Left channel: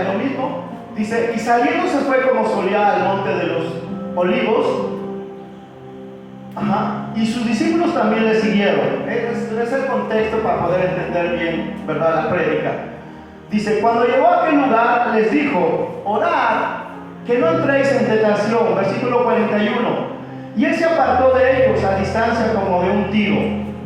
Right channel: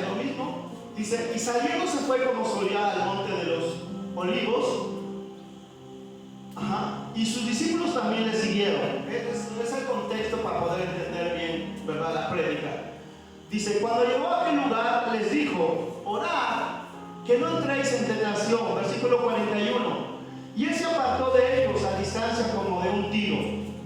es lo mismo. Dice, y saliendo se fue como solía al monte de los olivos. Y sus discípulos también le siguieron. Es el contexto para poder entender bien, ¿verdad?, la prédica. Dice, cuando llegó a aquel lugar, les dijo, orad, que no entréis en tentación. Versículo 41. Y él se apartó de ellos a distancia como de un tiro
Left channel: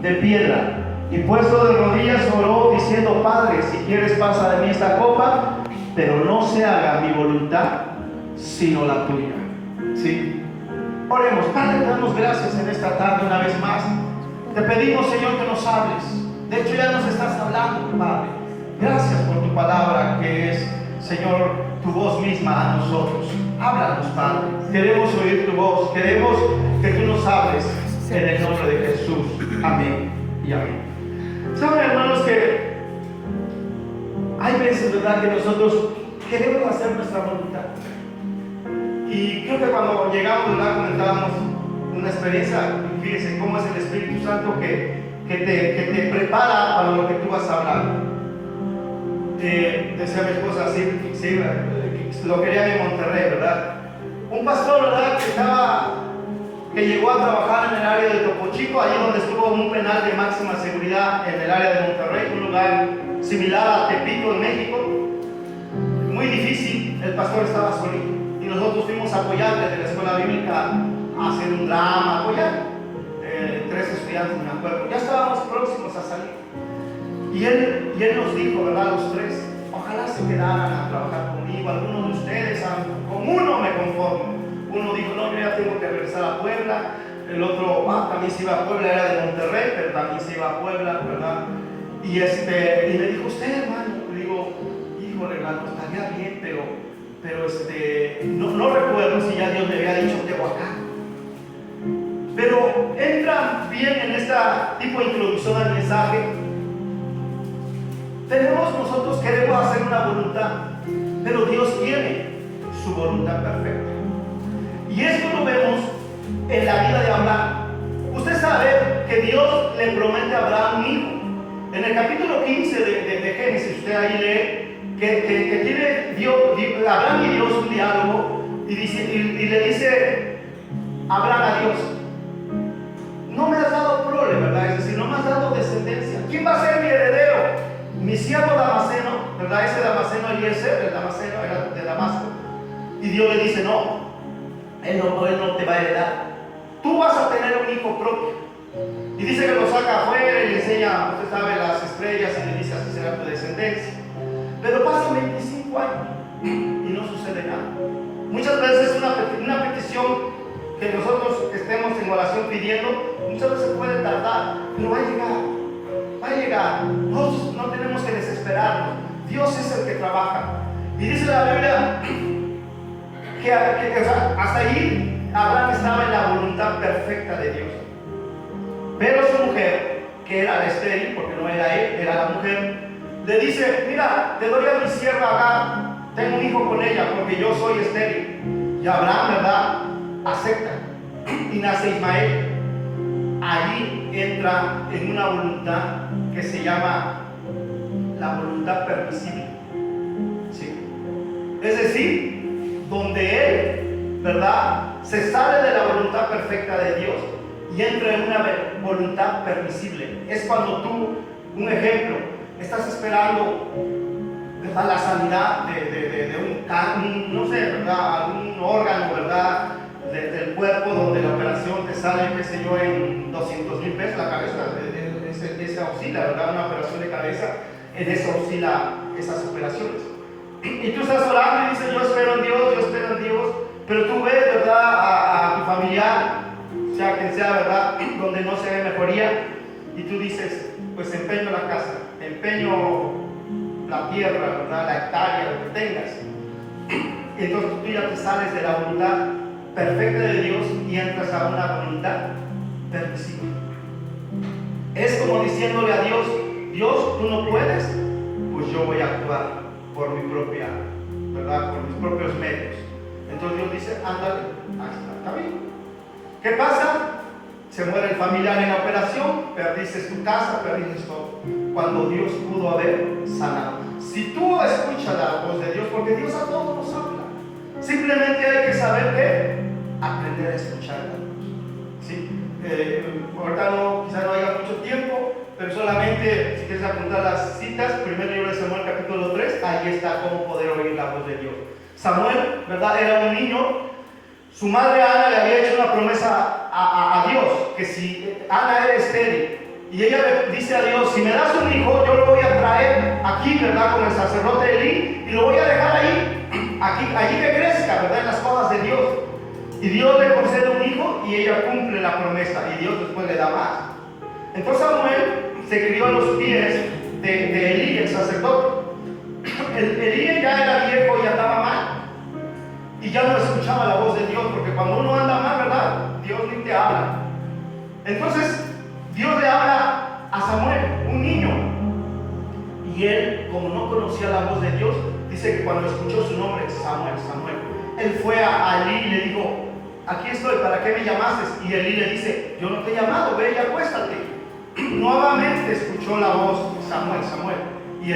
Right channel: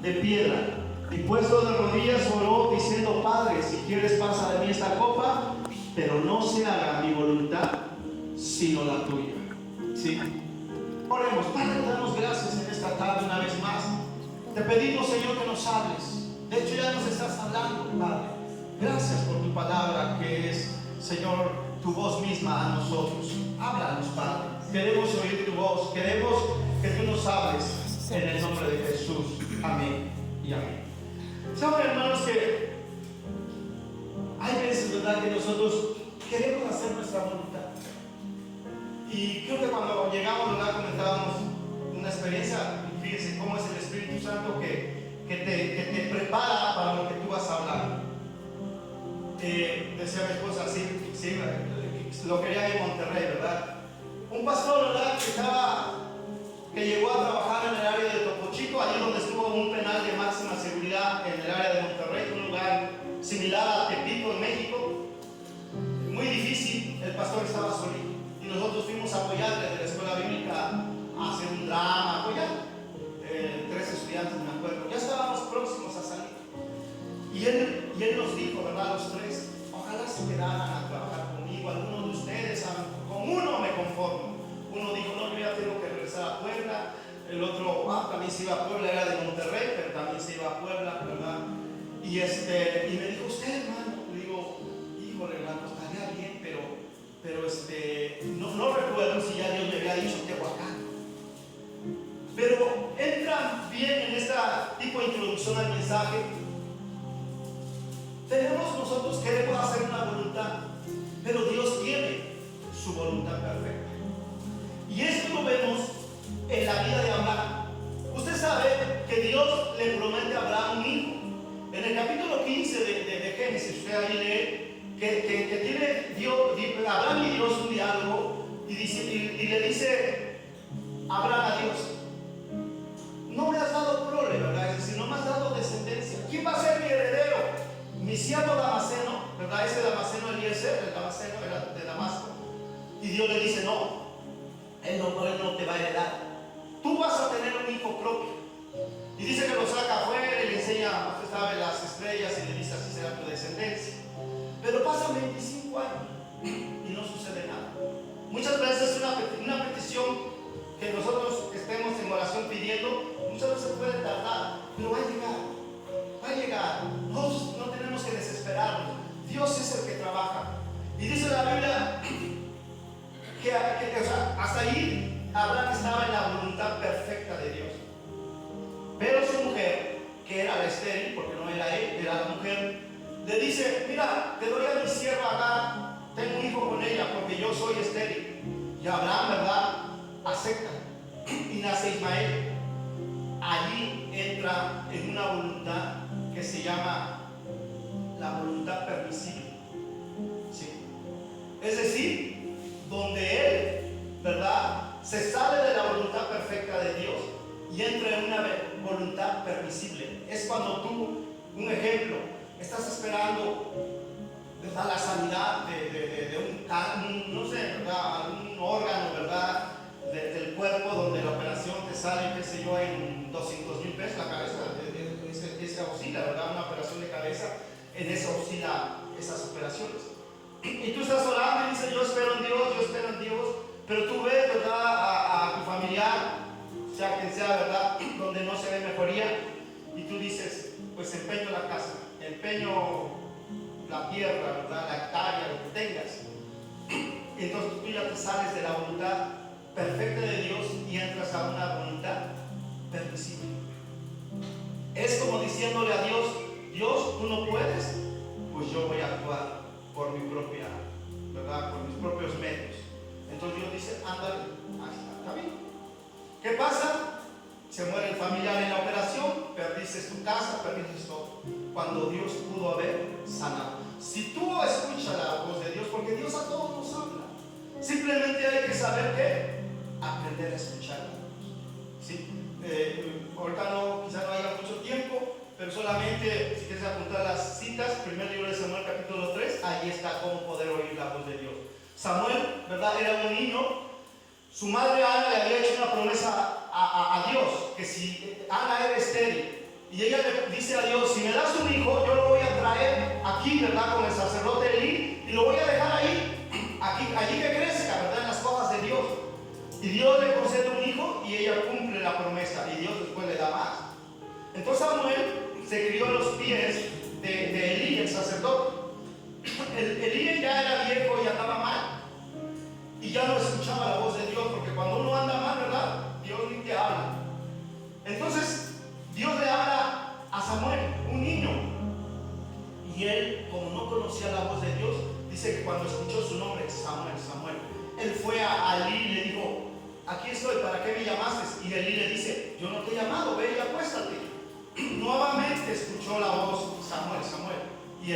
de piedra. Y puesto de rodillas oró diciendo, Padre, si quieres pasa de mí esta copa, pero no se haga mi voluntad, sino la tuya. ¿Sí? Oremos. Padre, te damos gracias en esta tarde una vez más. Te pedimos, Señor, que nos hables. De hecho, ya nos estás hablando, Padre. Gracias por tu palabra, que es, Señor, tu voz misma a nosotros. Háblanos, Padre. Queremos oír tu voz. Queremos que tú nos hables en el nombre de Jesús. Amén y amén. Saben, hermanos, que hay veces, ¿verdad?, que nosotros queremos hacer nuestra voluntad. Y creo que cuando llegamos, ¿verdad?, comentábamos una experiencia. Fíjense cómo es el Espíritu Santo que te prepara para lo que tú vas a hablar. Decía mi esposa, sí, lo querían en Monterrey, ¿verdad? Un pastor, ¿verdad?, que llegó a trabajar en el área de Topo Chico, allí donde estuvo un penal de máxima seguridad en el área de Monterrey, un lugar similar a Tepito en México. Muy difícil, el pastor estaba solito. Y nosotros fuimos apoyantes de la escuela bíblica a hacer un drama, apoyar. 3 estudiantes, me acuerdo. Ya estábamos próximos a salir. Y él nos dijo, ¿verdad?, los 3, ojalá se quedaran a trabajar conmigo, algunos de ustedes, con uno me conformo. Uno dijo, no, yo ya tengo que regresar a Puebla. El otro, también se iba a Puebla, era de Monterrey, pero también se iba a Puebla, ¿verdad? Y me dijo, usted, hermano, le digo, híjole, hermano, estaría bien, pero no recuerdo si ya Dios me había dicho Tehuacán. Pero entra bien en este tipo de introducción al mensaje. Nosotros queremos hacer una voluntad, pero Dios tiene su voluntad perfecta. Y esto lo vemos en la vida de Abraham. Usted sabe que Dios le promete a Abraham un hijo. En el capítulo 15 de Génesis, usted ahí lee que tiene Abraham y Dios un diálogo y le dice Abraham a Dios, no me has dado prole, ¿verdad? Es decir, no me has dado descendencia. ¿Quién va a ser mi heredero? Mi siervo Damaseno, ¿verdad? Ese Damaseno Eliezer, el Damaseno era de Damasco. Y Dios le dice, no, él no te va a heredar. Tú vas a tener un hijo propio. Y dice que lo saca afuera y le enseña, usted sabe, las estrellas y le dice, así será tu descendencia. Pero pasan 25 años y no sucede nada. Muchas veces una petición que nosotros estemos en oración pidiendo, muchas veces puede tardar, pero va a llegar. Va a llegar. No tenemos que desesperarnos. Dios es el que trabaja. Y dice la Biblia que hasta allí Abraham estaba en la voluntad perfecta de Dios. Pero su mujer, que era la estéril, porque no era él, era la mujer, le dice, mira, te doy a mi sierva Agar, tengo un hijo con ella porque yo soy estéril. Y Abraham, ¿verdad?, acepta y nace Ismael. Allí entra en una voluntad que se llama la voluntad permisible. ¿Sí? Es decir, donde él, ¿verdad?, se sale de la voluntad perfecta de Dios y entra en una voluntad permisible. Es cuando tú, un ejemplo, estás esperando, ¿verdad?, la sanidad de no sé, ¿verdad?, algún órgano, ¿verdad?, del cuerpo, donde la operación te sale, qué sé yo, en 200,000 pesos la cabeza, esa oscila, ¿verdad?, una operación de cabeza, en eso oscila esas operaciones. Y tú estás orando y dices, yo espero en Dios, pero tú ves, ¿verdad?, a tu familiar, sea quien sea, ¿verdad?, donde no se ve mejoría, y tú dices, pues empeño la casa, empeño la tierra, ¿verdad?, la hectárea, lo que tengas. Y entonces tú ya te sales de la voluntad perfecta de Dios y entras a una voluntad permisible. Es como diciéndole a Dios, Dios, tú no puedes, pues yo voy a actuar por mi propia, ¿verdad?, por mis propios medios. Entonces Dios dice, ándale, está bien. ¿Qué pasa? Se muere el familiar en la operación, perdiste tu casa, perdiste todo, cuando Dios pudo haber sanado. si tú escuchas la voz de Dios, porque Dios a todos nos habla, simplemente hay que saber que aprender a escuchar la voz. ¿Sí? Ahorita quizás no haya mucho tiempo, pero solamente si quieres apuntar las citas, primer libro de Samuel capítulo 3, ahí está cómo poder oír la voz de Dios. Samuel, ¿verdad? Era un niño. Su madre Ana le había hecho una promesa a Dios, que si Ana era estéril, y ella le dice a Dios, si me das un hijo, yo lo voy a traer aquí, ¿verdad? Con el sacerdote Elí, y lo voy a dejar ahí, allí que crezca, ¿verdad? En las cosas de Dios. Y Dios le concede un hijo y ella cumple la promesa, y Dios después le da más. Entonces Samuel se crió a los pies de Elí, el sacerdote. Elí ya era viejo y andaba mal, y ya no escuchaba la voz de Dios, porque cuando uno anda mal, ¿verdad? Dios ni te habla. Entonces Dios le habla a Samuel, un niño, y él, como no conocía la voz de Dios, dice que cuando escuchó su nombre, Samuel, Samuel, él fue a Elí y le dijo, aquí estoy, ¿para qué me llamaste? Y Elí le dice, yo no te he llamado, ve y acuéstate. Nuevamente escuchó la voz, Samuel, Samuel, y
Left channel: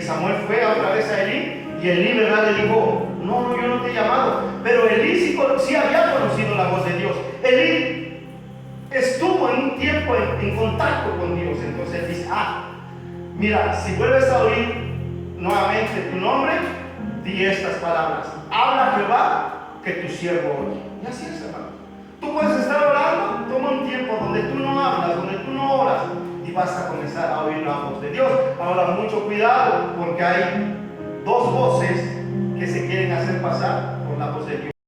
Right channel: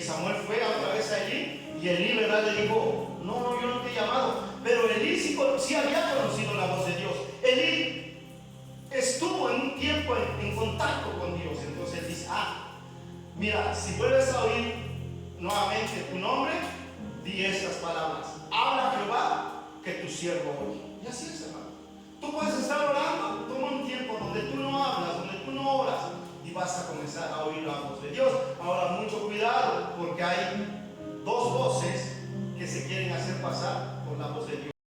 Samuel fue otra vez a Elí, y Elí, ¿verdad?, le dijo, no, yo no te he llamado. Pero Elí sí había conocido la voz de Dios. Elí estuvo en un tiempo en contacto con Dios. Entonces él dice, mira, si vuelves a oír nuevamente tu nombre, di estas palabras: habla Jehová, que tu siervo oye. Y así es.